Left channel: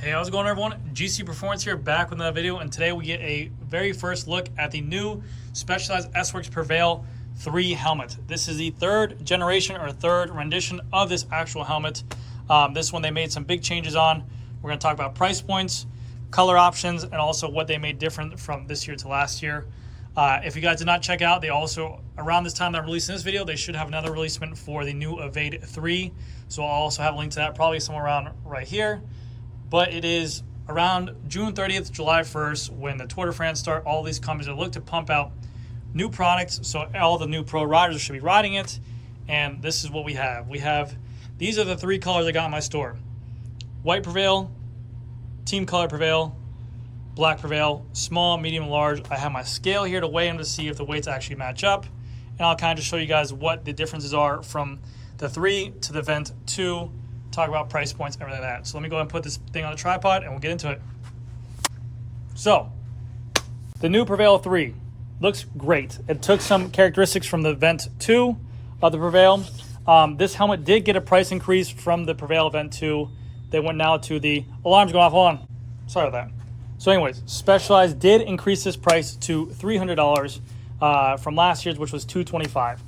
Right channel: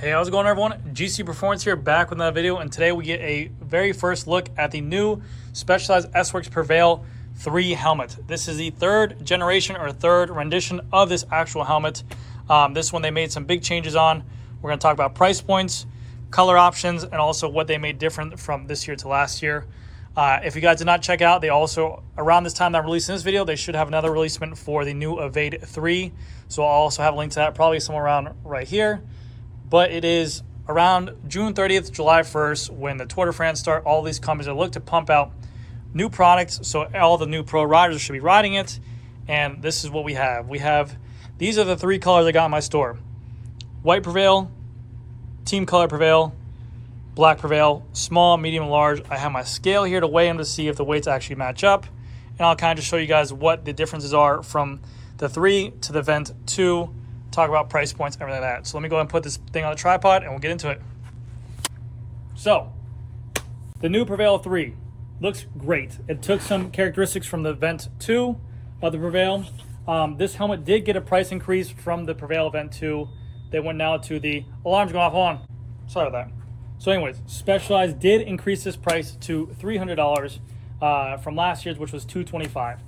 Hey, how's it going, everyone? GC Performance here, back with another video, and today we get a very first look at the new Specialized S-Works Prevail 3 helmet. This is the third generation or third rendition of this actual helmet. This one they made some big changes on. We're going to talk about price points, color options, and also what they made different from this year to last year. If you guys did not check out, they also, around this time that I'm releasing this video, they should have another releasement for the new Evade 3. So I'll also have a link to that probably somewhere around right here. But it is around June 30th, July 1st, when the Tour de France start. All these companies are looking to pump out new products, so all the new pro riders should be riding it. And this is what we have. These are the three colors I got in my store: white Prevail, team color Prevail, black Prevail, small, medium, and large. I have my scale here to weigh them to see if the weights actually match up. And I'll kind of just show you guys what the differences are from the 3 to the Vent 2. Talk about price points, everything like that. So let me go ahead and put this thing on the tripod and we'll get into it. So, the new Prevail 3 looks great. It took some characteristics from the Vent 2 of the Prevail. This helmet did get a price increase from the Prevail Vent 2. They went now to the alarm's going off. Hold on. Sorry about that. So anyways, Specialized did increase this price to $300 from last year's, which was $225.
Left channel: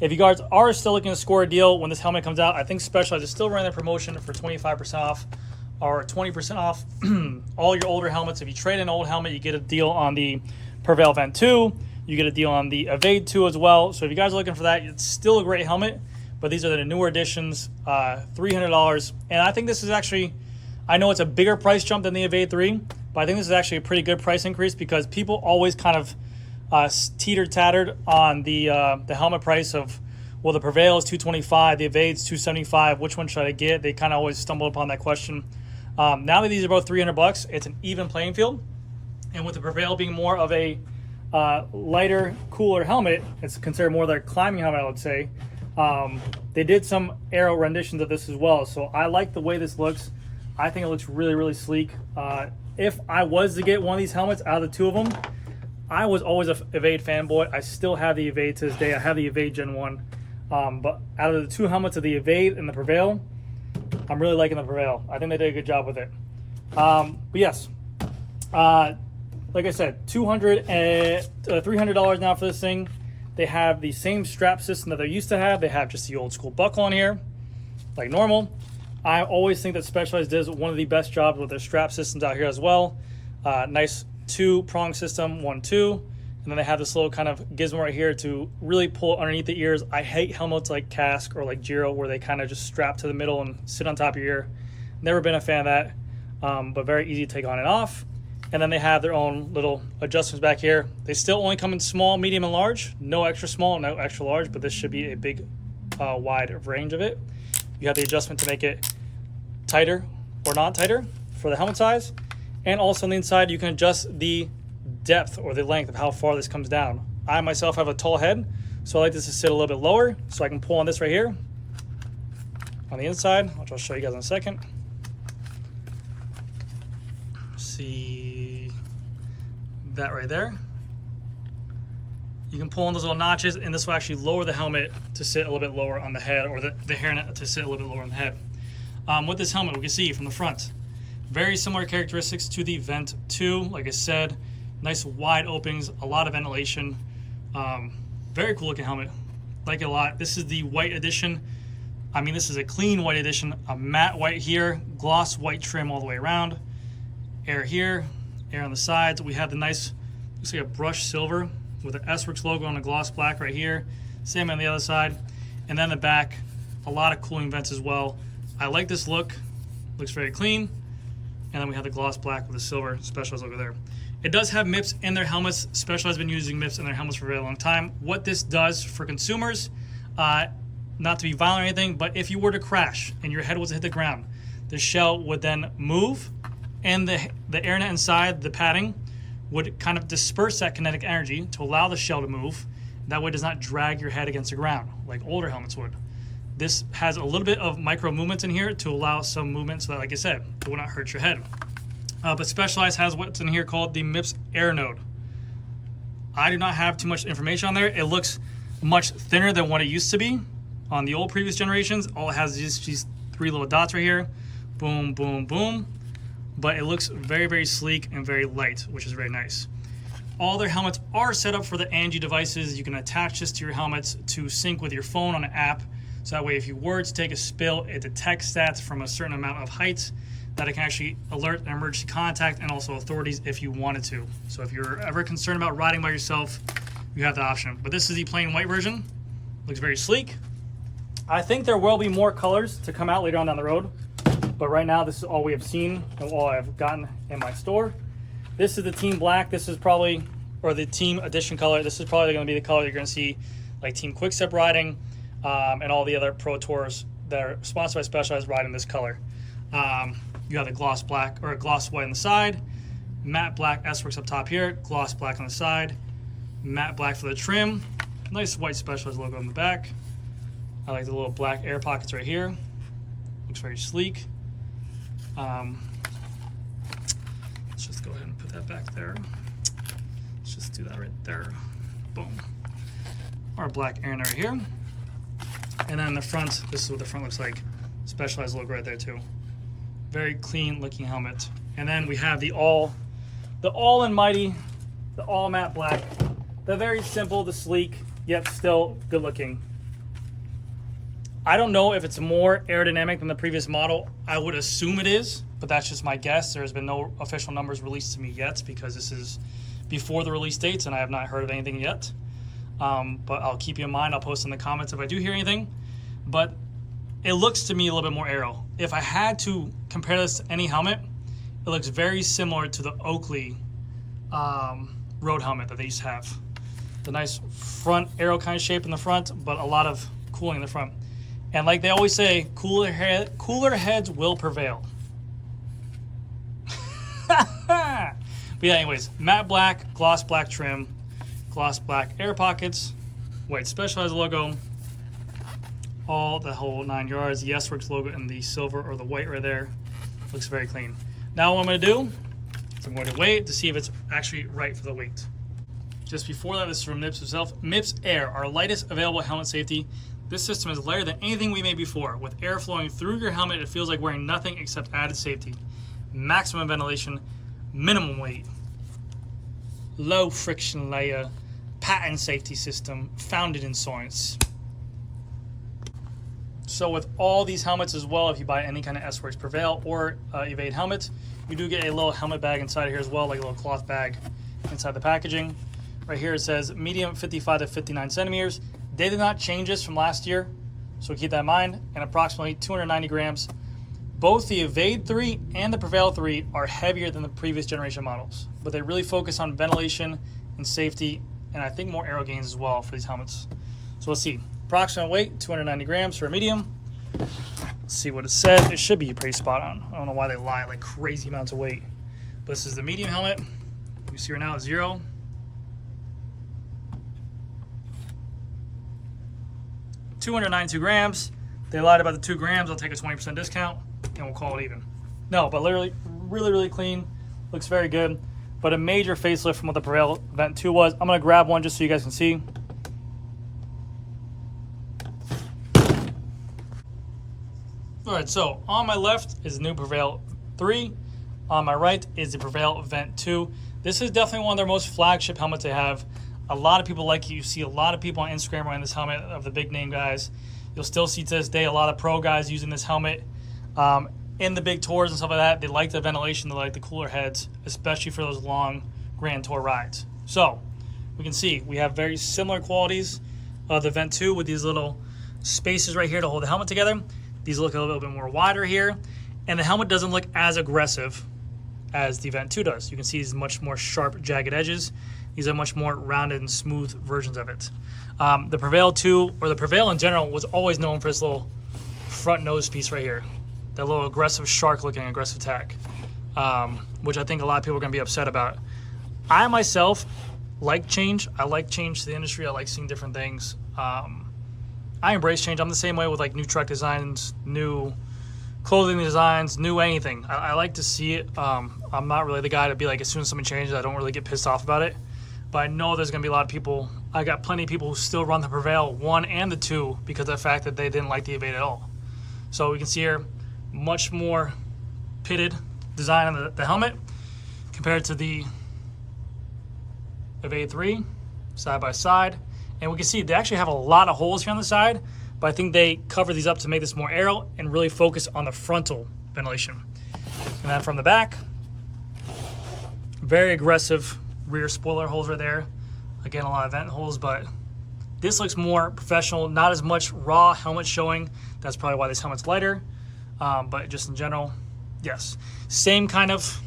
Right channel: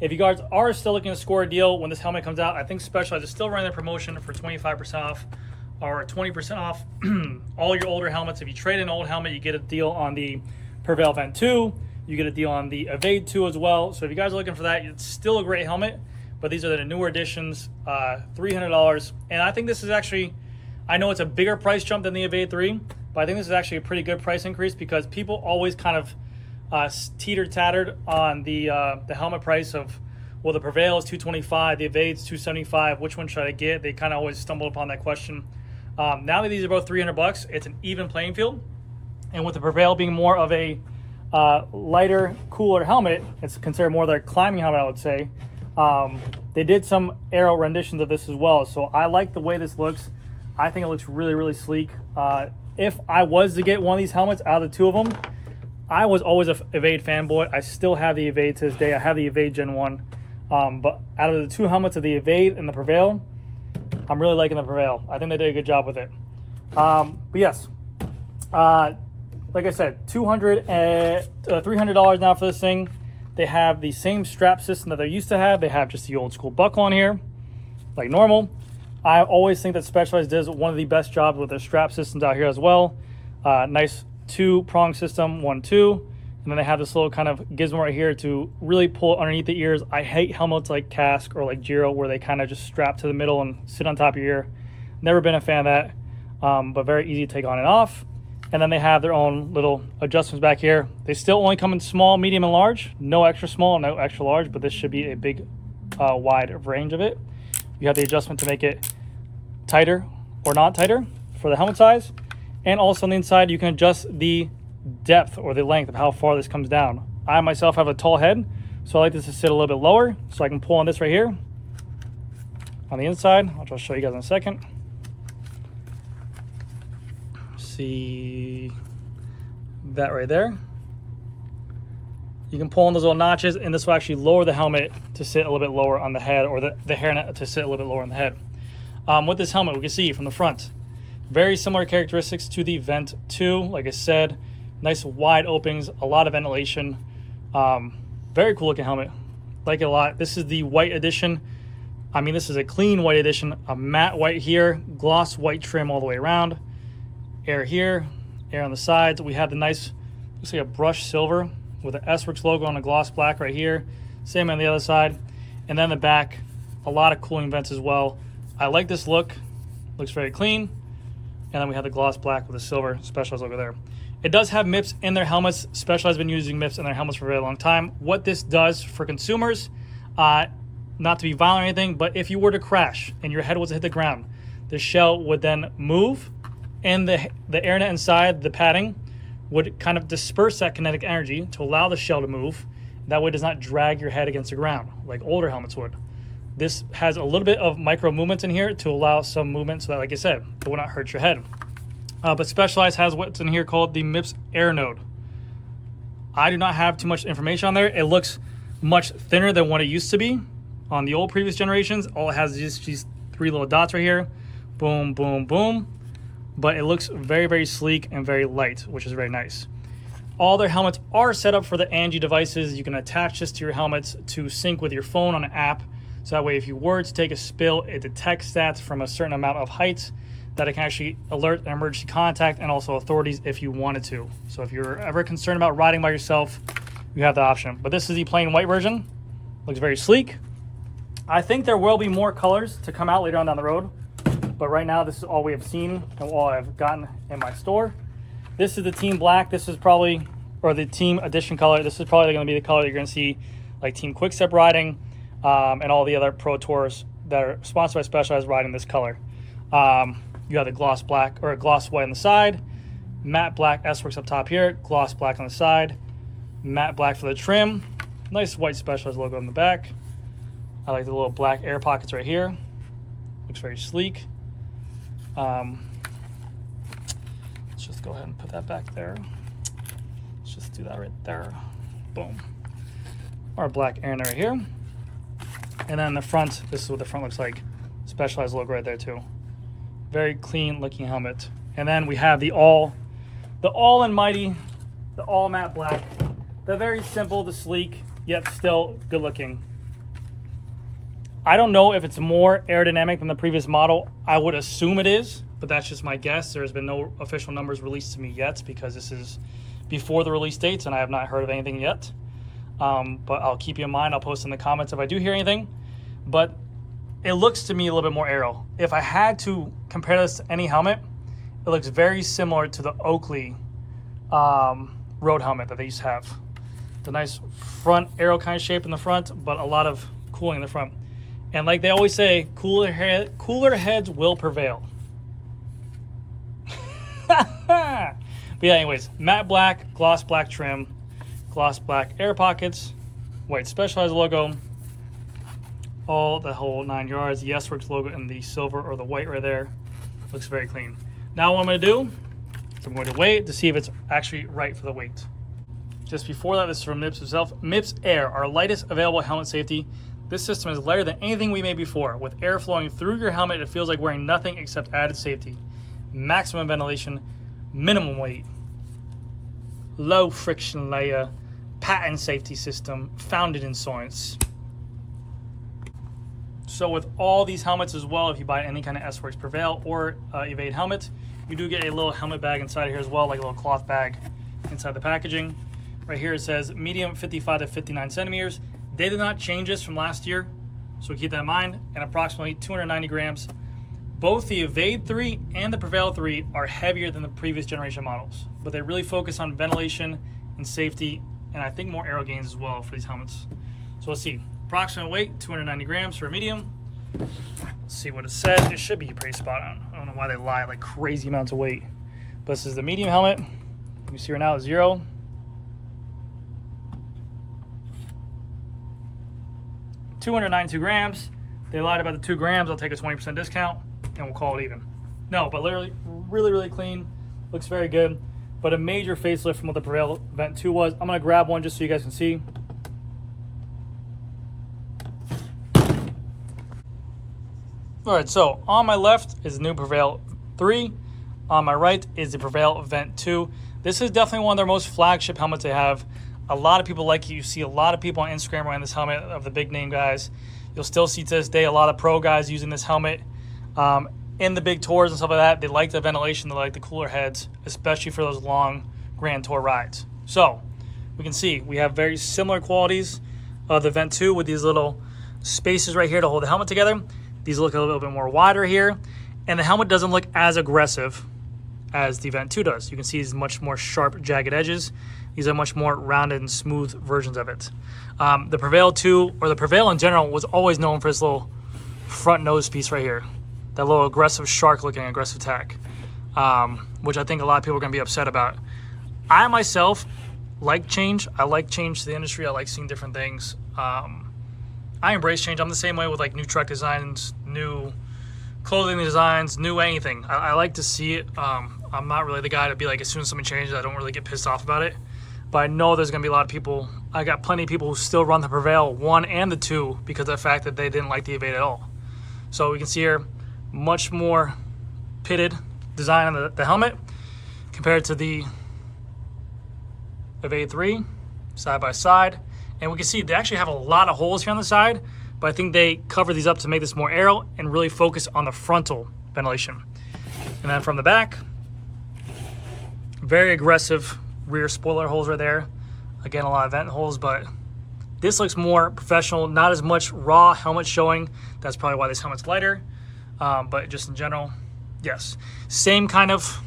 If you guys are still looking to score a deal when this helmet comes out, I think Specialized is still running their promotion for 25% off or 20% off all your older helmets. If you trade in an old helmet, you get a deal on the Prevail Vent 2. You get a deal on the Evade 2 as well. So if you guys are looking for that, it's still a great helmet, but these are the newer editions, $300. And I think this is actually, I know it's a bigger price jump than the Evade 3, but I think this is actually a pretty good price increase because people always kind of teeter-tattered on the helmet price of, well, the Prevail is $225, the Evade's $275, which one should I get? They kind of always stumble upon that question. Now that these are both $300, it's an even playing field. And with the Prevail being more of a lighter, cooler helmet, it's considered more like a climbing helmet, I would say. They did some aero renditions of this as well, so I like the way this looks. I think it looks really, really sleek. If I was to get one of these helmets out of the two of them, I was always an Evade fanboy. I still have the Evade to this day. I have the Evade Gen 1. But out of the two helmets of the Evade and the Prevail, I'm really liking the Prevail. I think they did a good job with it. But yes, like I said, $300 now for this thing. They have the same strap system that they used to have. They have just the old school buckle on here, like normal. I always think that Specialized does one of the best jobs with their strap systems out here as well. Nice 2-prong system, 1-2, and then they have this little kind of gizmo right here to really pull underneath the ears. I hate helmets like Kask or like Giro where they kind of just strap to the middle and sit on top of your ear. Never been a fan of that, but very easy to take on and off. And then they have their own little adjustments back here. They still only come in small, medium, and large. No extra small, no extra large, but this should be a big, wide range of it. You have the adjustment to make it tighter or not tighter for the helmet size. And also on the inside, you can adjust the depth or the length of how far this comes down. I myself have a tall head, so I like this to sit a little bit lower, so I can pull on this right here on the inside, which I'll show you guys in a second. See that right there? You can pull on those little notches, and this will actually lower the helmet to sit a little bit lower on the head, or the hairnet to sit a little bit lower on the head. With this helmet, we can see from the front, very similar characteristics to the Vent 2. Like I said, nice wide openings, a lot of ventilation. Very cool looking helmet. Like it a lot. This is the white edition. I mean, this is a clean white edition. A matte white here, gloss white trim all the way around. Air here, air on the sides. We have the nice, looks like a brushed silver with the S-Works logo on the gloss black right here. Same on the other side. And then the back, a lot of cooling vents as well. I like this look. Looks very clean. And then we have the gloss black with the silver Specialized logo there. It does have MIPS in their helmets. Specialized has been using MIPS in their helmets for a very long time. What this does for consumers, not to be violent or anything, but if you were to crash and your head was to hit the ground, the shell would then move, and the airnet inside, the padding, would kind of disperse that kinetic energy to allow the shell to move. That way it does not drag your head against the ground like older helmets would. This has a little bit of micro movements in here to allow some movement so that, like I said, it will not hurt your head. But Specialized has what's in here called the MIPS Air Node. I do not have too much information on there. It looks much thinner than what it used to be on the old previous generations. All it has is these 3 little dots right here. Boom, boom, boom. but it looks very, very sleek and very light, which is very nice. All their helmets are set up for the Angie devices. You can attach this to your helmets to sync with your phone on an app. So that way, if you were to take a spill, it detects that from a certain amount of height that it can actually alert an emergency contact and also authorities if you wanted to. So if you're ever concerned about riding by yourself, you have the option. But this is the plain white version. Looks very sleek. I think there will be more colors to come out later on down the road. But right now, this is all we have seen and all I've gotten in my store. This is the Team Black. This is probably, or the Team Edition color. This is probably going to be the color you're going to see like Team Quickstep riding and all the other Pro Tours that are sponsored by Specialized riding this color. You have the gloss black or gloss white on the side, matte black S-Works up top here, gloss black on the side, matte black for the trim, nice white Specialized logo on the back. I like the little black air pockets right here. Looks very sleek. Let's just go ahead and put that back there. Let's just do that right there. Boom. Our black air right here. And then the front, this is what the front looks like. Specialized logo right there too. Very clean looking helmet. And then we have the all and mighty, the all matte black. The very simple, the sleek, yet still good looking. I don't know if it's more aerodynamic than the previous model. I would assume it is, but that's just my guess. There's been no official numbers released to me yet because this is before the release dates and I have not heard of anything yet. But I'll keep you in mind. I'll post in the comments if I do hear anything. But it looks to me a little bit more aero. If I had to compare this to any helmet, it looks very similar to the Oakley road helmet that they used to have. The nice front aero kind of shape in the front, but a lot of cooling in the front. And like they always say, cooler heads will prevail. But yeah, anyways, matte black, gloss black trim, gloss black air pockets, white Specialized logo, all the whole 9 yards, the S-Works logo in the silver or the white right there. Looks very clean. Now what I'm going to do is I'm going to weigh it to see if it's actually right for the weight. Just before that, this is from MIPS itself. MIPS Air, our lightest available helmet safety. This system is lighter than anything we made before. With air flowing through your helmet, it feels like wearing nothing except added safety. Maximum ventilation, minimum weight, low friction layer, patent safety system, founded in science. So with all these helmets as well, if you buy any kind of S-Works Prevail or Evade helmet, you do get a little helmet bag inside of here as well, like a little cloth bag inside the packaging. Right here it says medium 55 to 59 centimeters. They did not change this from last year, so keep that in mind, and approximately 290 grams. Both the Evade 3 and the Prevail 3 are heavier than the previous generation models, but they really focus on ventilation and safety, and I think more aero gains as well for these helmets. So we'll see. Approximate weight, 290 grams for a medium. Let's see what it says. It should be pretty spot on. I don't know why they lie like crazy amounts of weight. But this is the medium helmet. You can see right now it's 0. $292 grams. They lied about the 2 grams. I'll take a 20% discount and we'll call it even. No, but literally really clean. Looks very good. But a major facelift from what the Prevail Vent 2 was. I'm gonna grab one just so you guys can see. All right, so on my left is the new Prevail 3. On my right is the Prevail Vent 2. This is definitely one of their most flagship helmets they have. A lot of people like it. You see a lot of people on Instagram wearing this helmet of the big name guys. You'll still see to this day a lot of pro guys using this helmet in the big tours and stuff like that. They like the ventilation, they like the cooler heads, especially for those long Grand Tour rides. So we can see we have very similar qualities of the Vent 2 with these little spaces right here to hold the helmet together. These look a little bit more wider here, and the helmet doesn't look as aggressive as the Vent 2 does. You can see these much more sharp, jagged edges. These are much more rounded and smooth versions of it. The Prevail 2, or the Prevail in general, was always known for this little front nose piece right here. That little aggressive shark-looking aggressive tack, which I think a lot of people are going to be upset about. I myself like change. I like change to the industry. I like seeing different things. I embrace change. I'm the same way with like new truck designs, new clothing designs, new anything. I like to see it. I'm not really the guy to be like, as soon as something changes, I don't really get pissed off about it. But I know there's going to be a lot of people. I got plenty of people who still run the Prevail 1 and the 2 because of the fact that they didn't like the Evade at all. So we can see here, much more pitted design on the helmet compared to the Evade 3 side by side. And we can see they actually have a lot of holes here on the side, but I think they cover these up to make this more aero and really focus on the frontal ventilation. And then from the back, very aggressive rear spoiler holes right there. Again, a lot of vent holes, but this looks more professional, not as much raw helmet showing. That's probably why this helmet's lighter. But just in general, yes. Same kind of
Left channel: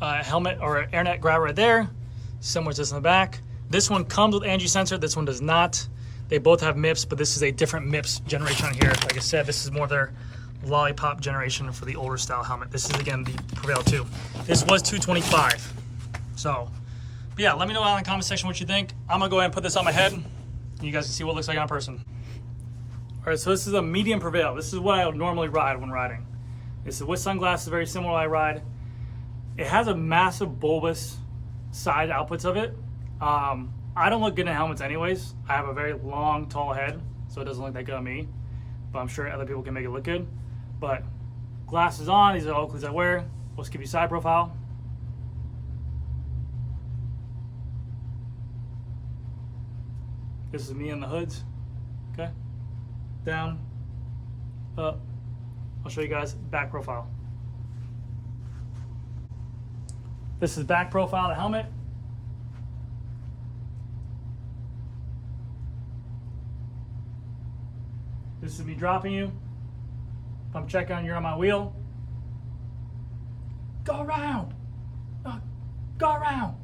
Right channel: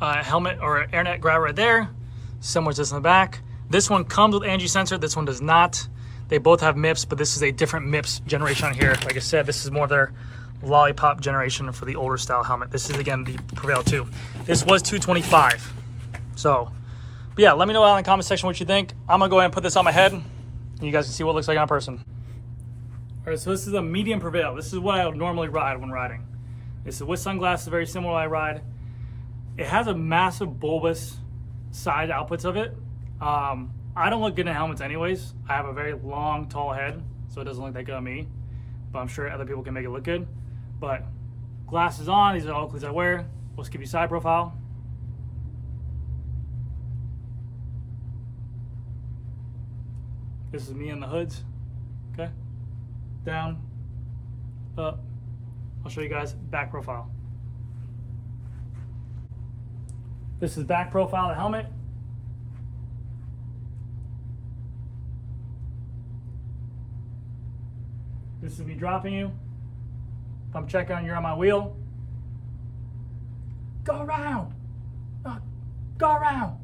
helmet or airnet grab right there. Similar to this in the back. This one comes with Angie sensor. This one does not. They both have MIPS, but this is a different MIPS generation on here. Like I said, this is more their lollipop generation for the older style helmet. This is, again, the Prevail 2. This was $225. So, but yeah, let me know down in the comment section what you think. I'm going to go ahead and put this on my head, and you guys can see what it looks like on person. All right, so this is a medium Prevail. This is what I would normally ride when riding. This is with sunglasses, very similar to what I ride. It has a massive bulbous side outputs of it. I don't look good in helmets anyways. I have a very long, tall head, so it doesn't look that good on me. But I'm sure other people can make it look good. But glasses on, these are all Oakleys I wear. Let's give you side profile. This is me in the hoods, okay? Down, up. I'll show you guys back profile. This is back profile of the helmet. This is me dropping you. If I'm checking on you're on my wheel. Go around. Go around.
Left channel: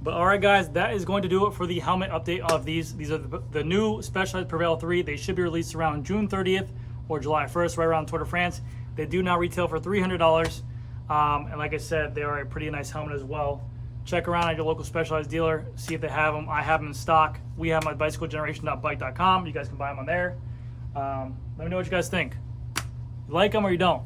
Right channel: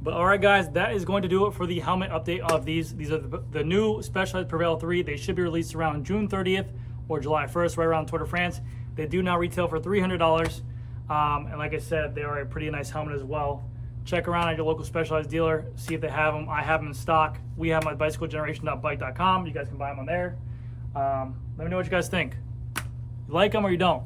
But all right, guys, that is going to do it for the helmet update of these. These are the new Specialized Prevail 3. They should be released around June 30th or July 1st, right around Tour de France. They do now retail for $300. And like I said, they are a pretty nice helmet as well. Check around at your local Specialized dealer, see if they have them. I have them in stock. We have them at bicyclegeneration.bike.com. You guys can buy them on there. Let me know what you guys think. You like them or you don't.